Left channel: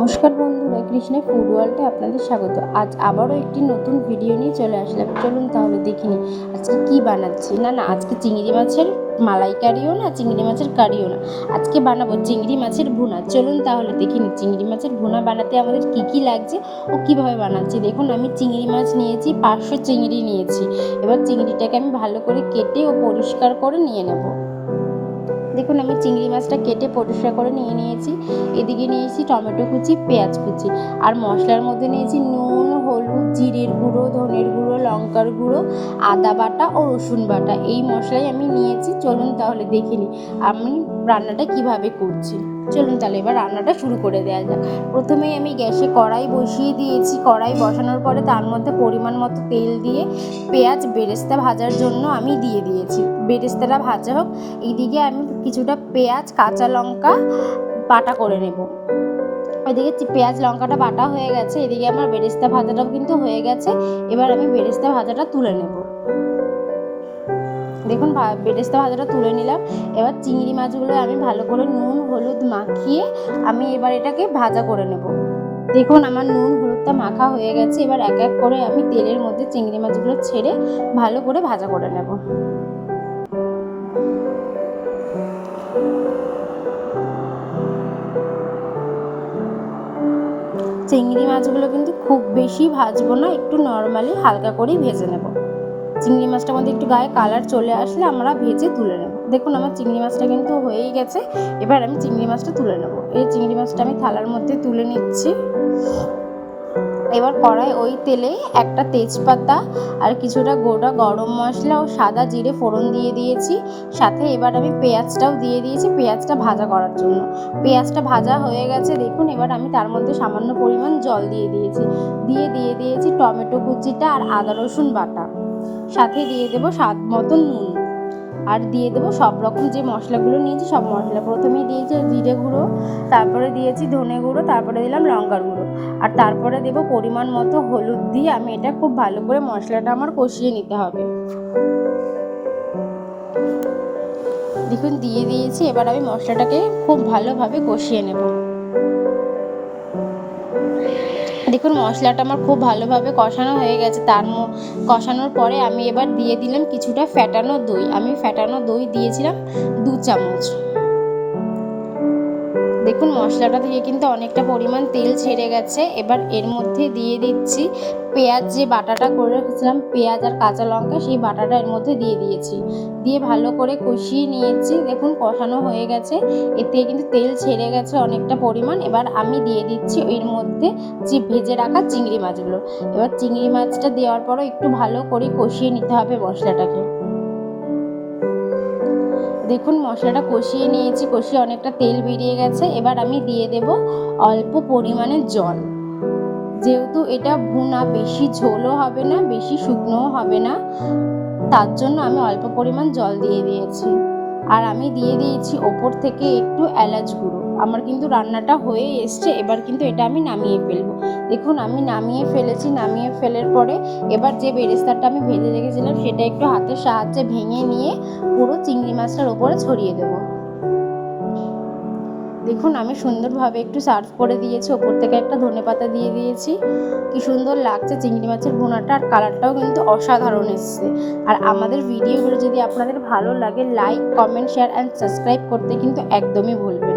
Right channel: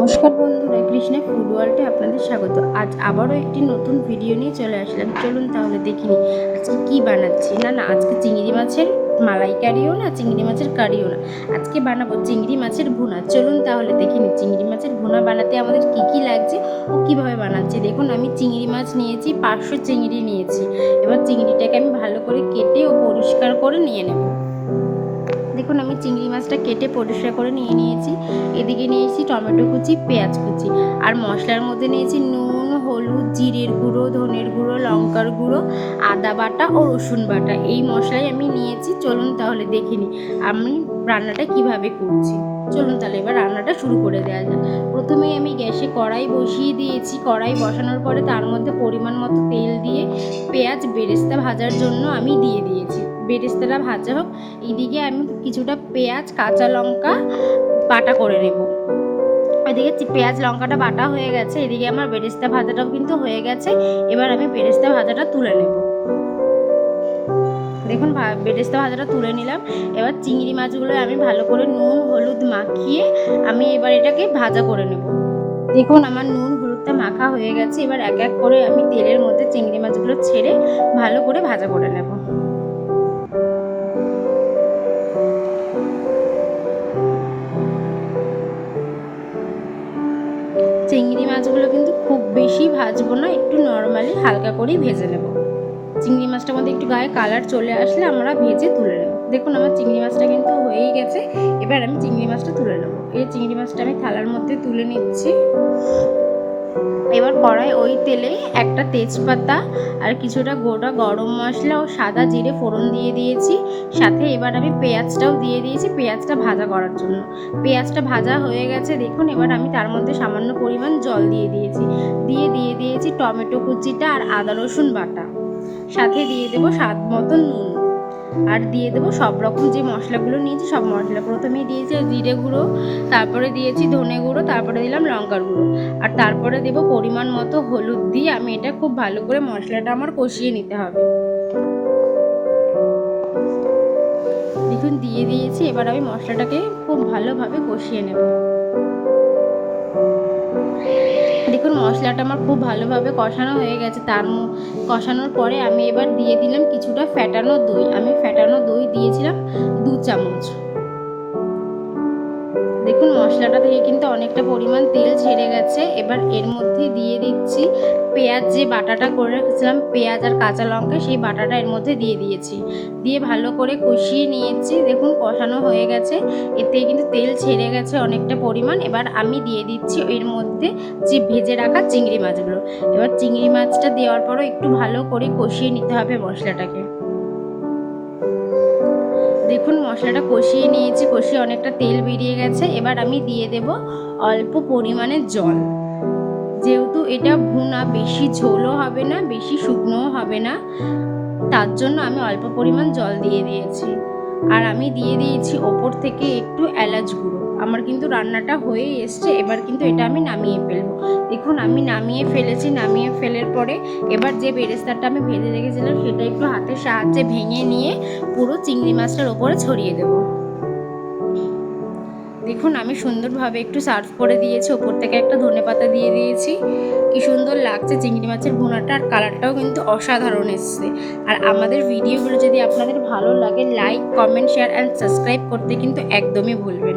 নমস্কার বন্ধুরা, কৃষ্ণা ফুড ওয়ার্ল্ডে আপনাদের স্বাগত। আজ আবারও একটি নতুন ভিডিও নিয়ে চলে আসলাম। চলুন তাহলে দেখিনি আজকে কি বানাচ্ছি। না না, আজকে চিংড়ি মাছের মালাইকারিও না, চিংড়ি মাছের কারিও না। আজকে বানাবো চিংড়ি মাছের ভুনা। চলুন তাহলে দেখিনি চিংড়ি মাছের ভুনা বানাতে আমাদের কি কি লাগছে ও কীভাবে বানাচ্ছি। দেখুন, আমি চিংড়ি মাছ নিয়েছি, পাঁচশো চিংড়ি নিয়েছি। এবার চিংড়িটাকে আমি ভালো করে কেটে ও পরিষ্কার করে নিয়ে নেব। দেখুন, আমি চিংড়ি মাছটা কেটে পরিষ্কার করে নিয়ে নিয়েছি। এদিকে নিয়েছি টমেটো কুচি, পেঁয়াজ কুচি। আর মশলার মধ্যে নিয়েছি নুন হলুদ, জিরের গুঁড়ো, ধনের গুঁড়ো, লঙ্কার গুঁড়ো, আদা বাটা ও রসুন বাটা। এই মশলাই আমি নিয়েছি। চলুন তাহলে দেখে নিই আমি রান্নাটা কীভাবে করছি। চলুন তাহলে এবার রান্নাটা শুরু করে দেওয়া যাক। প্রথমেই আমি গ্যাসে কড়াই বসিয়ে দিয়েছি। কড়াই বসানোর পরে তার মধ্যে পরিমাণ মতো তেল দিয়ে পেঁয়াজ বেরেস্তা ভাজার জন্য আমি দিয়ে দিয়েছি। বেরেস্তাটা ভাজা হোক, এইদিকে আমি কিছুটা পেঁয়াজ, কাঁচা লঙ্কা, বাটা করে নেব। এদিকে পেঁয়াজ, লঙ্কাটা বাটা হয়ে গেছে। এদিকে আমার বেরেস্তা ভাজাটাও কিন্তু হয়ে গেছে। এবার আমি বেরেস্তা ভাজাটা তুলে নেব। দেখুন বেরেস্তা ভাজাটা তুলে নিলাম। এবার চিংড়ি মাছগুলো আমি ভালো করে নুন, হলুদ মাখিয়ে আমি এবার এটাকে ভাজা করে নেব। দেখুন, আমার নুন, হলুদটা মাখা হয়ে গেছে। এবার এক এক করে আমি তেলের মধ্যে চিংড়ি মাছগুলো ছেড়ে ভালো করে ভাজা করে নেব। চিংড়ি মাছগুলো কিন্তু খুব বেশি ভাজবো না, একটু নর্মালি হালকা করেই ভেজে নেব। চিংড়ি মাছটার মধ্যে একটু গায়ে কালার চলে আসলে আমরা ভেজে তুলে নেব। দেখুন আমার চিংড়ি মাছটা কিন্তু হয়েই গেছে, এবার আমি চিংড়ি মাছটা তুলে নেব। এই চিংড়ি মাছটা আমি থালার মধ্যে তুলে নিচ্ছি। এবার কড়াই ওই তেলে একটা তেজপাতা আর কিছুটা গোটা গরম মশলা ও সাদা জিরে ফোড়ন দিয়ে দিয়েছি। সাথে এবার আমি পেঁয়াজটাও দিয়ে দিয়েছি পেঁয়াজটা ভাজা করার জন্য। পেঁয়াজটা ভাজা হয়ে গেছে, দেখুন এবার আমি তার মধ্যে সামান্য পরিমাণ জল দিয়ে দিয়েছি। দিয়ে দিয়ে, দিয়েছি টমেটো কুচিটা আর আদা রসুন বাটা। সাথে দিয়ে দেবো স্বাদ মতো নুন। আর দিয়ে দেবো সব রকম যে মশলাগুলো নিয়েছি, সব মশলা প্রথমেই দিয়েছি জিরে গুঁড়ো, তারপরে দিয়েছি ধনে গুঁড়ো, তারপরে দিলাম লঙ্কার গুঁড়ো। আর তারপরে দেব পরিমাণ মতো হলুদ দিয়ে আমি এটা খুব ভালো করে মশলাটা আমার কষিয়ে নিতে হবে। দেখুন, দিয়ে দিয়েছি, এবার আমি মশলাটাকে খুব ভালোভাবে কষিয়ে নেব। দেখুন, মশলাটা আমার খুব ভালোভাবে কষানো হয়ে গেছে। তার কষানোর পরে আমি এবার দিয়ে দিলাম কিছুটা ফ্যাটানো দই। আমি ফ্যাটানো দই দিয়েছিলাম দু চামচ। দেখুন, মশলাটা থেকে কিন্তু অনেকটা পরিমাণ তেল ছেড়ে গেছে। এবার এর মধ্যে দিয়ে দিচ্ছি পেঁয়াজ, যে বাটাটা করে রেখেছিলাম, পেঁয়াজ আর কাঁচা লঙ্কা, সেই বাটাটা এর মধ্যে দিয়ে দিয়েছি। দিয়ে ভালো করে কষিয়ে নিয়েছি। দেখুন, কষানো হয়ে গেছে। এর থেকে কিন্তু তেল ছেড়ে গেছে অনেকটা পরিমাণ। এবার আমি দিয়ে দিচ্ছি এর মধ্যে যে ভেজে রাখা চিংড়ি মাছগুলো। এবার চিংড়ি মাছটা দেওয়ার পরও একটু ভালো করে কষিয়ে নিতে হবে মশলাটাকে। দেখুন, মশলাটা কষিয়ে নিয়েছি, কষিয়ে অনেকটা তেল বেরিয়ে গেছে। এবার আমি দিয়ে দেব অল্প পরিমাণে জল। যেহেতু এটা ভুনা, বেশি ঝোলও হবে না, বেশি শুকনোও হবে না, তার জন্য আমি অল্প পরিমাণ জল দিয়ে দিয়েছি। আর আমি দিয়ে দিয়েছি ওপর থেকে একটু এলাচ গুঁড়ো। আমার কিন্তু রান্নাটা হয়ে এসছে, এবার কিন্তু এটা আমি নামিয়ে ফেলব। দেখুন, আমি নামিয়ে ফেলেছি, নামিয়ে ফেলার পরে এবার যে বেরেস্তারটা আমি ভেজে রেখেছিলাম সেটা একটু হাতের সাহায্যে ভেঙে নিয়ে পুরো চিংড়ি মাছটার ওপরে ছড়িয়ে দেবো। দেখুন, আমি সুন্দরভাবে একটু সার্ভ করে দিয়েছি, ওপর থেকে একটা ধনেপাতা দিয়ে দিয়েছি। কি সুন্দর লাগছে চিংড়ি মাছের ভুনাটা, আর কালারটাও কিন্তু অসাধারণ এসছে। আর আমাদের ভিডিওগুলো যদি আপনাদের ভালো লাগে like comment share and subscribe করতে কিন্তু একদমই ভুলবেন